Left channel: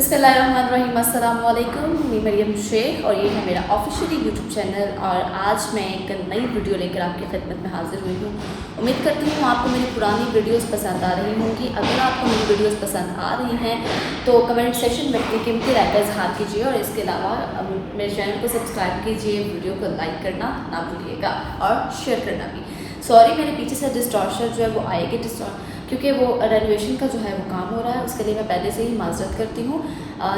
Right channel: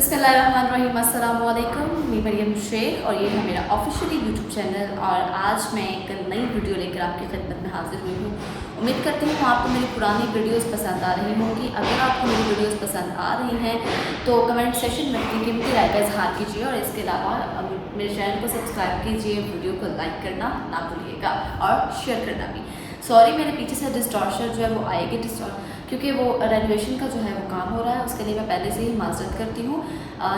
बिस्मिल्लाहिर्रहमानिर्रहीम। अस्सलाम वालेकुम। मैं मरियम शेख और ये है मेरा ऑफिशियली यूट्यूब चैनल और आज मैं एक नई वीडियो लेकर आपकी खिदमत में हाजिर हुई हूँ। उम्मीद करती हूँ आपको मेरी पुरानी वीडियोस पसंद आ रही होंगी। अगर आपको मेरी वीडियोस पसंद आ रही हैं तो कमेंट सेक्शन में अपनी कीमती राय का इजहार कीजिए और इसके अलावा मेरे चैनल को सब्सक्राइब कीजिए, वीडियो को लाइक करना ना भूलिएगा और शेयर करना भी। सॉरी, मेरे पीछे से डिस्टॉर्शन जो है वो आएगी क्योंकि वो रेनोवेशन का जो है वो काम हो रहा है, उसके लिए मैं पहले से ही माजरत करती हूँ।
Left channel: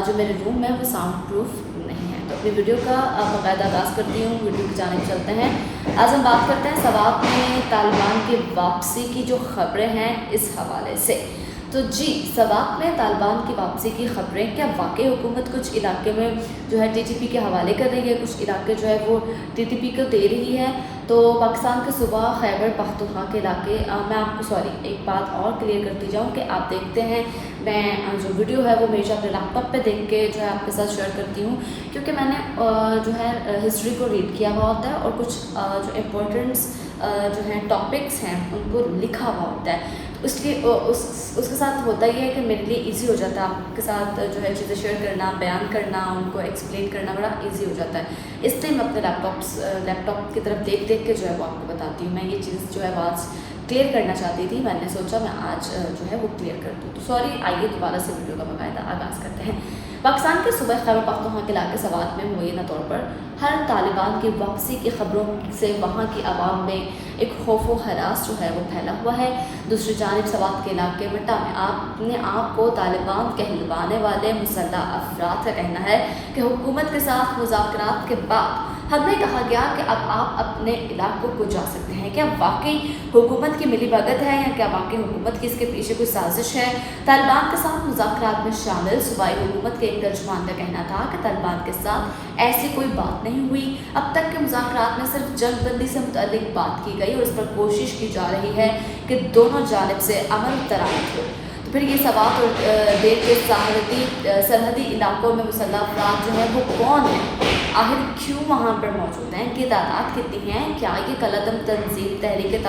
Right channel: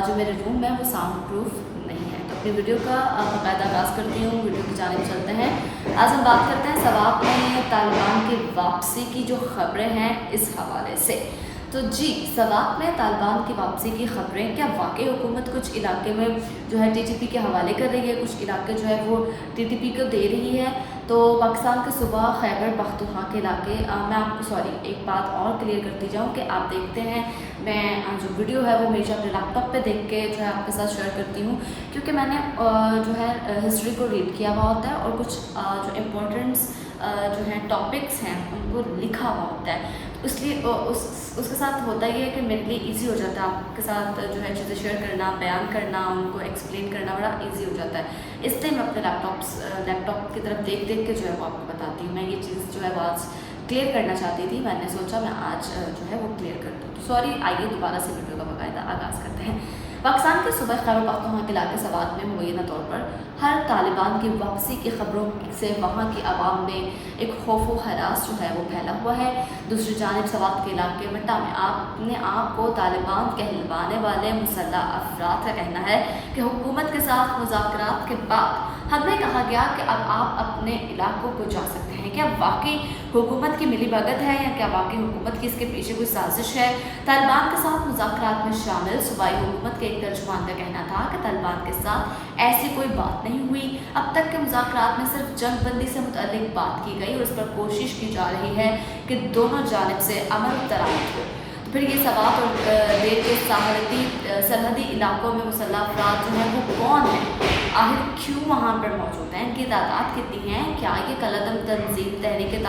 जो मेरे रूम है वो साउंड प्रूफ नहीं है। तो अपनी वीडियो का बाकायदा आगाज़ करती हूँ, वीडियो की जानिब चलते हैं। आज हम बात करते हैं सवाब में तालिबान की वापसी की जो खबरें हैं इस हवाले से। तो जी, सवाब में तालिबान की वापसी की खबरें, क्या वाकई हुकूमत कुछ इलाके में जो है टीटीपी के हवाले कर रही है, कुछ इलाके जो है वो टीटीपी को दे रही है। तो पाकिस्तान के सूबा खैबर पख्तूनख्वा के इलाके, मैं आपको एक बात और क्लियर करती जाऊँ कि आप देखते हैं मैं जो वीडियो है वो हमेशा अपने लैपटॉप पे देख के जो है आपके साथ शेयर करती हूँ, क्योंकि मैंने जो है हिस्ट्री को रीड किया हुआ होता है और कुछ जो इम्पोर्टेंट्स जो हैं टॉपिक्स हैं उनको लिखा हुआ होता है। तो इसलिए उसके साथ होता ही है कि मेरे लिए इजी हो जाता है आपके साथ जो है चीज़ें शेयर करना, बयान करना, उनको एक्सप्लेन करना बड़ा इजी हो जाता है। इसलिए मैं अपने लैपटॉप की तरफ देख के जो है वो आपको बताती हूँ। मैं ये चीज़ जो है आज क्लियर करना चाहती थी, मैंने सोचा मैं आज जो है वो क्लियर कर दूँ। तो सॉरी, आइए दोबारा से वीडियो का बाकायदा आगाज़ करते हैं। पाकिस्तान के सूबे खैबर पख्तूनख्वा के इलाके सवात में मुबैना तौर पर हर तालिबान की वापसी की खबरों से वहाँ की आवाम में एक खौफ व हरास जो है वो फैला हुआ है। दूसरी जानिब सवात के इलाके मट्टा में अपने आप को तालिबान कहलवाने वाले मुसल्लह अफराद का कहना है कि हुकूमत के साथ मुज़ाकरात के बाद हमें कहा गया कि अब आप अपने इलाकों को जा सकते हैं। क्या वाकई हुकूमत की मिलीभगत है या क्या वाकई हुकूमत की इसके पीछे कोई साजिश है? तालिबान के साथ मुज़ाकरात में शामिल सूबाई हुकूमत के एक तर्जुमान का कहना था कि तालिबान के साथ ऐसी कोई बात नहीं हुई। अब तक के मुज़ाकरात में सिर्फ जंगबंदी से मुतल्लिक बात की गई और इस पर कोशिश की जा रही है कि दोनों जानिब से अमल दरामद हो। तो फिर ये सवात और देर के सरहदी इलाकों में मुसल्लह अफराद जो है वो कौन है, आखिर क्यों वहाँ पर मौजूद हैं, इनकी तादाद कितनी है? क्या ये कलअदम तंजीम तहरीक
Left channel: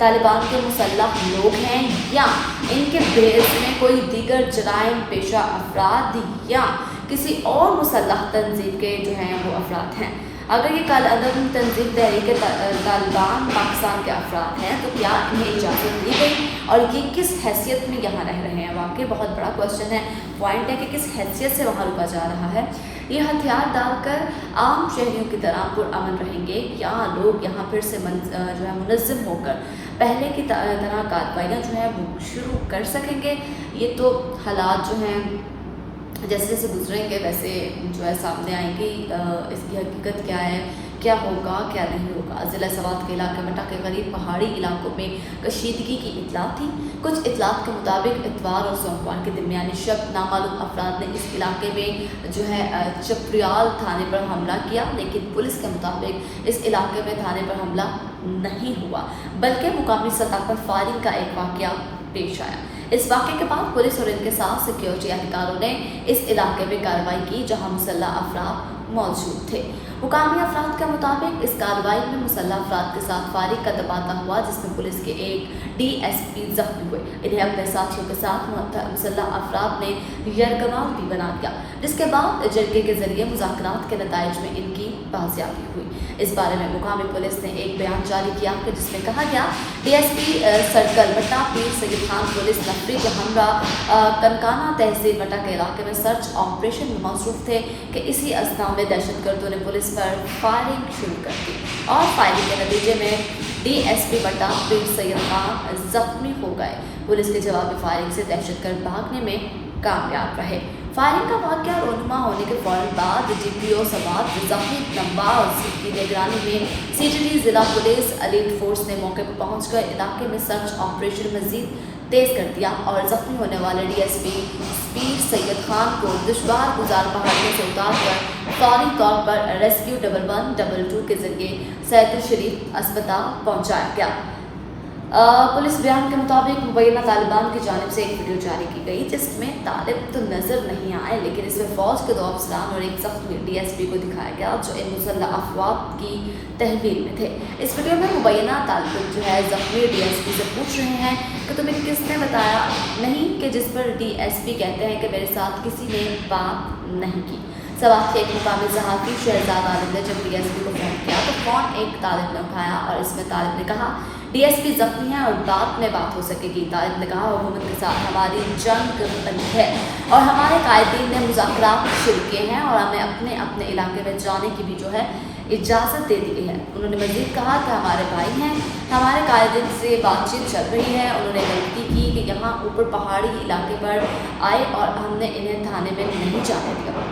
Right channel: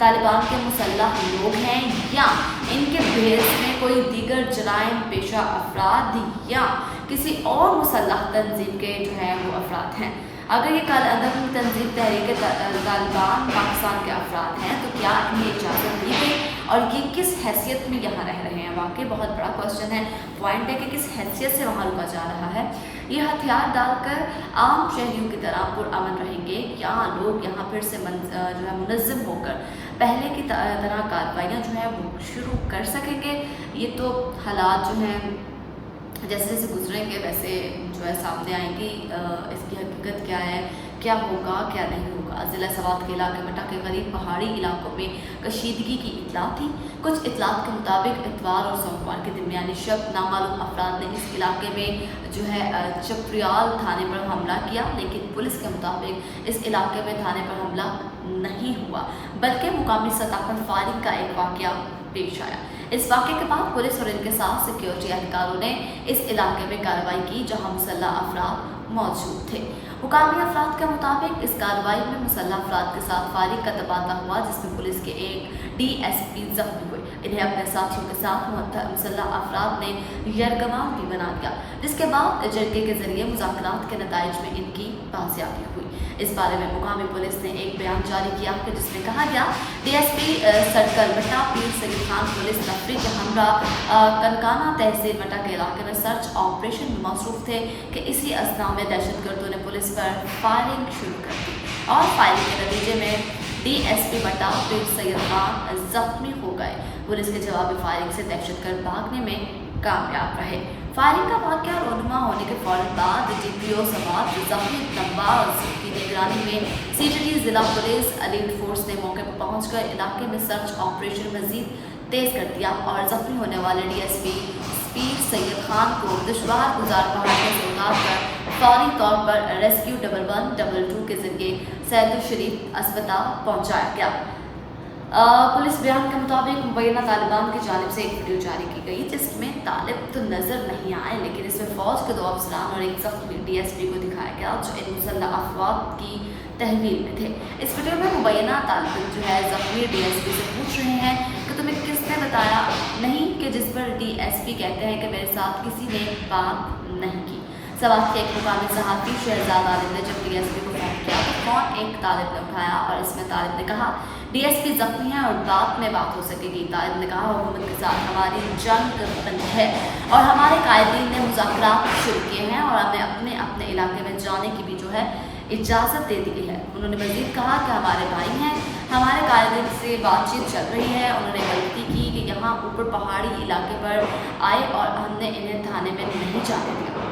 तालिबान के मुसल्लह लोग हैं या इनके बेस में कोई दीगर जराइम पेशा अफराद या किसी और मुसल्लह तंजीम के जो हैं वो अफराद हैं? अगर ये कलअदम तंजीम तहरीक तालिबान पाकिस्तान के अफराद हैं तो क्या इन्हें इजाज़त दी गई और ये किस हैसियत में यहाँ रह रहे हैं? वाकई बहुत बड़ा क्वेश्चन है, पॉइंट है कि किस हैसियत से वहाँ रुका जा रहा है। ये हथियार डालकर आम शहरियों की तरह पुरअमन रहेंगे या लोग यहाँ फिर से जो है मुनज़्ज़म होकर पहले की तरह कार्रवाइयाँ जो है वो शुरू कर सकेंगे? ये तो हालात जो हैं जैसे जैसे गुजरेंगे वैसे जो है सामने आएंगी। इसकी हकीकत क्या है, क्या होगा क्या नहीं होगा। ज़िला सवात के इलाके मट्टा के करीब पहाड़ी इलाकों में कशीदगी की इतला थी। कुछ इतलात के मुताबिक इतवार और सोमवार के दरमियानी शब नामालूम अफराद ने इस इलाके में जो है चपरियाल थाने पर हमला किया, लेकिन पुलिस के मुताबिक इस इलाके में थाने पर हमला नहीं हुआ बल्कि मुकामी सतह पर फायरिंग का एक वाक़या पेश आया। इस वाक़े के बाद पुलिस और इनके साथ सिक्योरिटी एहलकारों ने इस इलाके में कार्रवाई की जहां मुसल्लह अफराद मौजूद थे। मुकामी अफराद के मुताबिक इस कार्रवाई में मुसल्लह अफराद के साथ फायरिंग का तबादला हुआ जिसमें पुलिस के एक DSP जख्मी हुए। इन्हें अपने साथियों के साथ मुसल्लह अफराद ने यरगमाल भी बना दिया, जिसके बाद जरगे के जरिए मुज़ाकरात के नताइज में इनकी बाजियाबी हुई। इस बारे में मुकामी पुलिस ने एक बयान जारी किया कि जिसमें कहा गया DSP सर्कल मट्टा पीर सैयद खान पुलिस नफरी के हमरा कनकाना तहसील मट्टा के इलाके में सर्च ऑपरेशन में मसरूफ थे कि इसी असना में दहशतगर्दों ने पुलिस पर फायरिंग शुरू कर दी और फायरिंग के नतीजे में DSP मट्टा पीर सैयद खान जख्मी हो गए। पुलिस के जवाबी फायरिंग से दहशतगर्द भागने में कामयाब रहे। फायरिंग का वाक़या रोनुमा होने के फ़ौरन बाद DPO सवात ज़हीर नवाज़ की निगरानी में CGD ज़िला पुलिस एलीट फोर्स ने मौके पर पहुंचकर इलाके में सर्च ऑपरेशन मज़ीद तेज़ कर दिया और ज़ख्मी होने वाले DSP पीर सैयद खान को दुश्वार गुजार पहाड़ियों से उतार कर फौरी तौर पर रेस्क्यू 1112 के जरिए सैयद शरीफ अस्पताल पहुँचाया गया। पुलिस बयान के मुताबिक मुबैना तालिबान की जानिब से एक वीडियो जारी की गई जिसमें तालिब तो नज़र नहीं आए, लेकिन इसमें फ़ौज के 2 अफसरान और एक ज़ख्मी DSP को दिखाया गया जो इन मुसल्लह अफवाद की तहवील में थे। इस वीडियो में मुबैना तालिब जो है ज़ख्मी DSP से पूछ रहे हैं कि तुम्हें किसने बताया नहीं, कि जिस पर DSP कहते हैं कि मेरे साथ किसी ने बात नहीं की। सवाल के एक मुकामी सहाफ़ी शहजाद आलिम ने जब DSP को फ़ोन किया तो फ़ोन एक तालिब ने उठाया और इसमें तालिब ने कहा DSP ज़ख्मी है और बात में बात हो सकेगी। तालिब ने कहा हुकूमत के साथ हमारी जंग बंद है और हमारे कायदीन ने मुज़ाकरात शुरू किए हैं और हमें अपने अपने इलाके में जाने की भी जो है इजाज़त दे दी है। उन्होंने मज़ीद कहा कि हमारे भाई हैं, हमारे कायदीन से बातचीत चल रही है। उन्होंने गलती की कि यहाँ ऊपर पहाड़ी इलाके पर आए और हमने इन्हें थाने में नहीं जाने दिया।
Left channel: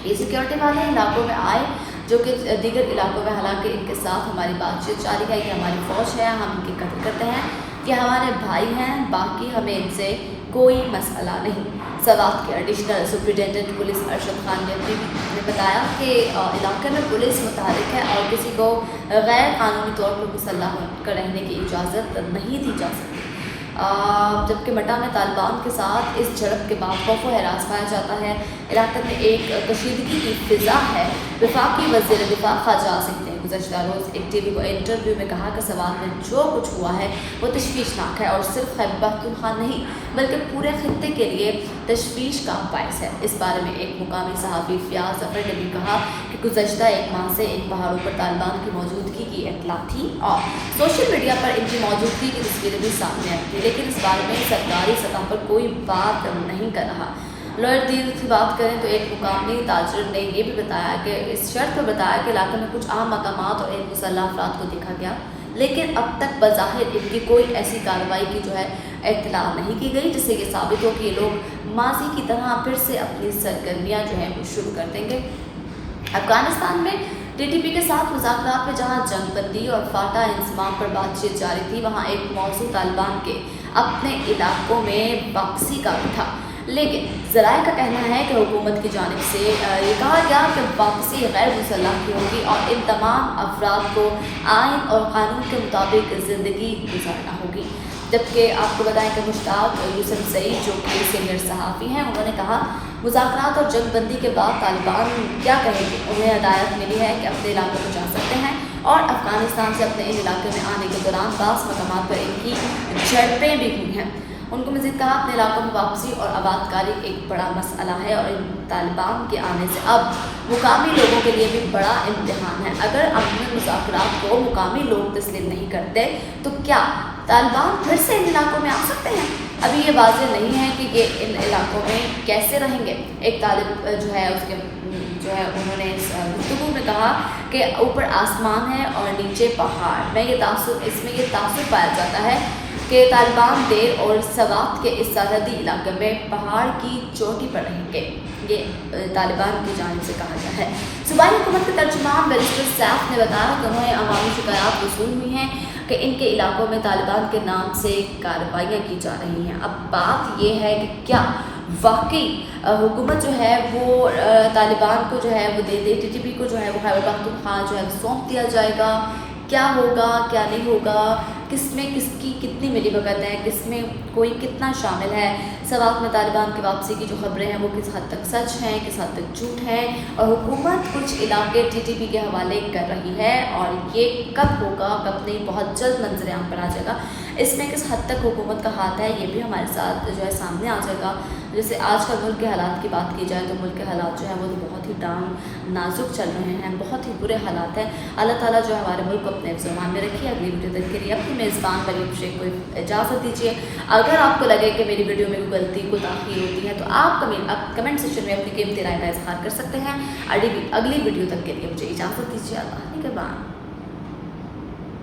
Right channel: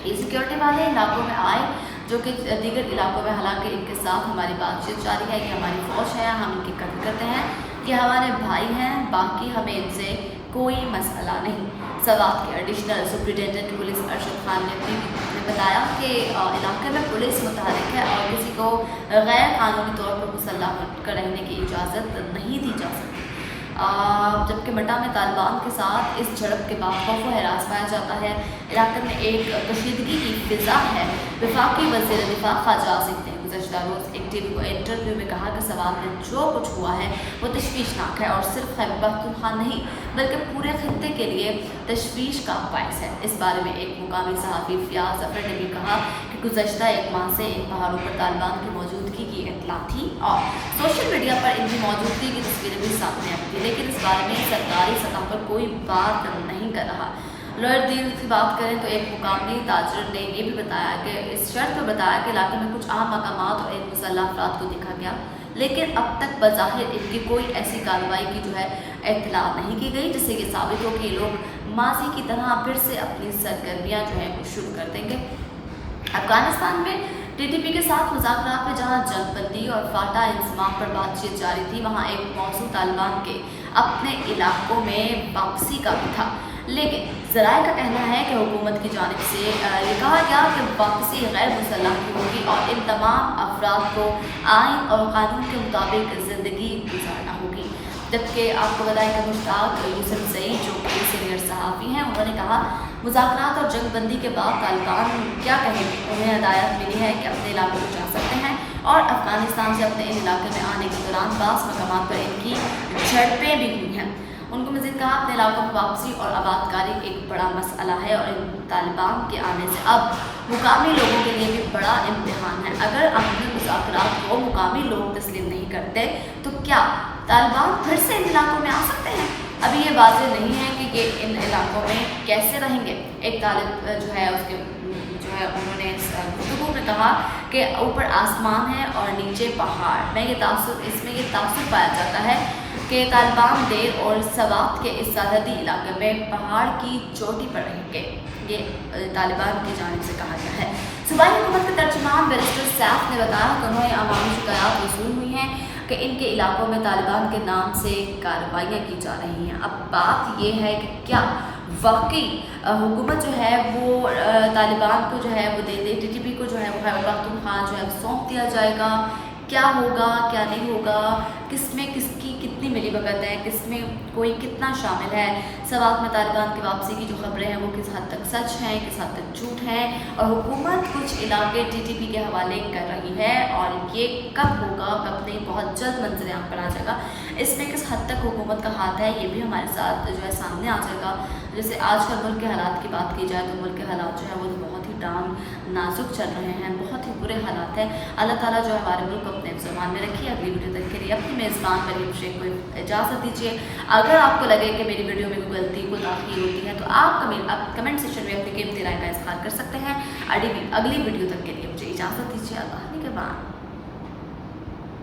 ये सिक्योरिटी वाले इलाकों में आए जो कि दीगर इलाकों में, हालांकि इनके साथ हमारी बातचीत जारी है कि हमारी फ़ौज है, हम इनकी कदर करते हैं, कि हमारे भाई हैं, बाकी हमें इनसे कोई मसला नहीं। सवात के additional superintendent police Arshad Khan ने बताया कि इलाके में पुलिस मुतहरिक है और किसी को गैर कानूनी तौर पर मुसल्लह होकर रहने की इजाज़त नहीं दी जा सकती। जबकि मटा में तालिबान के साथ इस झड़प के बाद खौफ व हरास पाया जाता है। इलाके में एक कशीदगी की फिज़ा है। वफाकी वज़ीर दिफा ख्वाजा आसिफ ने गुज़श्ता रोज़ एक TV को इंटरव्यू में कहा कि सवात में जो कुछ हुआ है वो तशवीशनाक है और सिर्फ खैबर पख्तूनख्वा नहीं बल्कि पूरे खित्ते के लिए तशवीश का बायस है। इस बारे में एक मुकामी सहाफ़ी फ़ियाज़ ज़फ़र ने भी कहा कि गुज़श्ता एक माह से इन पहाड़ों पर तालिबान की मौजूदगी की इत्तला थी और सोशल मीडिया पर इनकी मौजूदगी की तस्वीरें भी सामने आई थी, लेकिन इस बारे में सरकारी सतह पर कोई बात नहीं कर रहा। लॉयर डील की बात करें तो एक मुकामी ताजर ने यह भी बताया कि इस शर्त पर बताया कि इलाके में कुछ अहम मकामात और इन मुसल्लह अफराद को देखा गया, लेकिन अब तक बज़ाहिर इनकी कोई ऐसी कार्रवाई की जो है इत्तला नहीं की गई जिससे ये साबित हो कि ये लोग माजी की तरह फिर से अपनी सरगर्मियाँ जो हैं वो शुरू कर देंगे। अफगानिस्तान में TTP के साथ मुज़ाकरात में जहां जंगबंदी और फाटा इंसमाम पर बातचीत जारी थी, वहां एक मौजू तालिबान के अपने इलाकों में वापसी का भी था, लेकिन ज़राए का कहना है कि हुकूमत की जानिब से ये कहा गया कि वापसी गैर मुसल्लह की होगी और इन तमाम अफराद को आइन और क़ानून के मुताबिक ज़िंदगी गुजारना होगी। जबकि आपको बताएं कि मुश्ताक यूसुफ सईद जो कि सीनियर सहाफ़ी हैं, उन्होंने कहा मुज़ाकरात और जंगबंदी के बाद तालिबान क्या कहेंगे। उन्हें हदायत मिली है कि अपने इलाके को जा सकते हैं और अफ़गानिस्तान से अपने इन इलाके में आने के दौरान बास मकामात पर इनकी झड़पें भी हुई हैं। उनको मज़ीद कहा अपने इलाकों में वापसी और आबादकारी एक बड़ा मसला है और इन तालिबान के आने से अब मुकामी लोगों के लिए भी बड़ा इम्तिहान है। अगर अमन मुज़ाकरात को मुकामी लोग तस्लीम नहीं करते तो क्या तालिबान फिर से इन इलाकों में आ सकते हैं? अभी ये वाज़ेह नहीं है कि ये इन इलाकों में कैसे रहेंगे। एक तालिब जो है उसके जो है उन्होंने गुफ्तगू में कहा कि ऊपर आसमान है और नीचे पहाड़। इसमें ये तासुर पाया जाता है कि तालिबान देर और सवात के इस सरहदी इलाके में पहाड़ की चोटी पर रहेंगे। ये तालिबान की जानिब से कहा गया है। सूबाई हुकूमत के तर्जुमान बैरिस्टर सैफ ने बताया कि उन्होंने अवामी शिकायत वसूल हुई हैं कि इनके इलाकों में तालिबान के नाम से कार्रवाइयाँ की जा रही हैं। अब बात ये है कि क्या वाकई हुकूमत जो है वो तालिबान को जो है वो दे दे, TTP को जो है वो खैबर पख्तूनख्वा जो है सौंप दिया जाएगा, क्या होगा क्या नहीं होगा, किसमें किसकी कितनी मिलीभगत है, किसमें कोई कितना शामिल है। सवात में तालिबान की वापसी की जो खबरें हैं वो किस हद तक सच हैं, किस हद तक झूठ हैं और हुकूमत कुछ इलाके TTP के हवाले कर रही है और ये कब होगा कब नहीं बहुत जल्द मंजर आम पर आ जाएगा। इसमें किस हद तक हुकूमत का हाथ है ये भी हमारे साथ जो है सामने आ जाएगा। जैसे आजकल मुल्क के हालात की बात की जाए तो मुल्क के हालात जो है वो तो बहुत ही नाजुक चल रहे हैं, बहुत ही बुरे हालात हैं। अल्लाह ताला जो है हमारे मुल्क को अपने ज़ुबान में रखिए। अगली वीडियो तक के लिए अपनी मेज़बान मरियम शेख को इजाज़त दीजिए। अगर आपको लगे कि मेरी वीडियो में कोई गलती कोई ताख़ीर होती है तो आप कमेंट सेक्शन में अपनी कीमती राय का इज़हार कर सकते हैं। अगली वीडियो तक के लिए मुझे इजाज़त दीजिए। अल्लाह के बाद।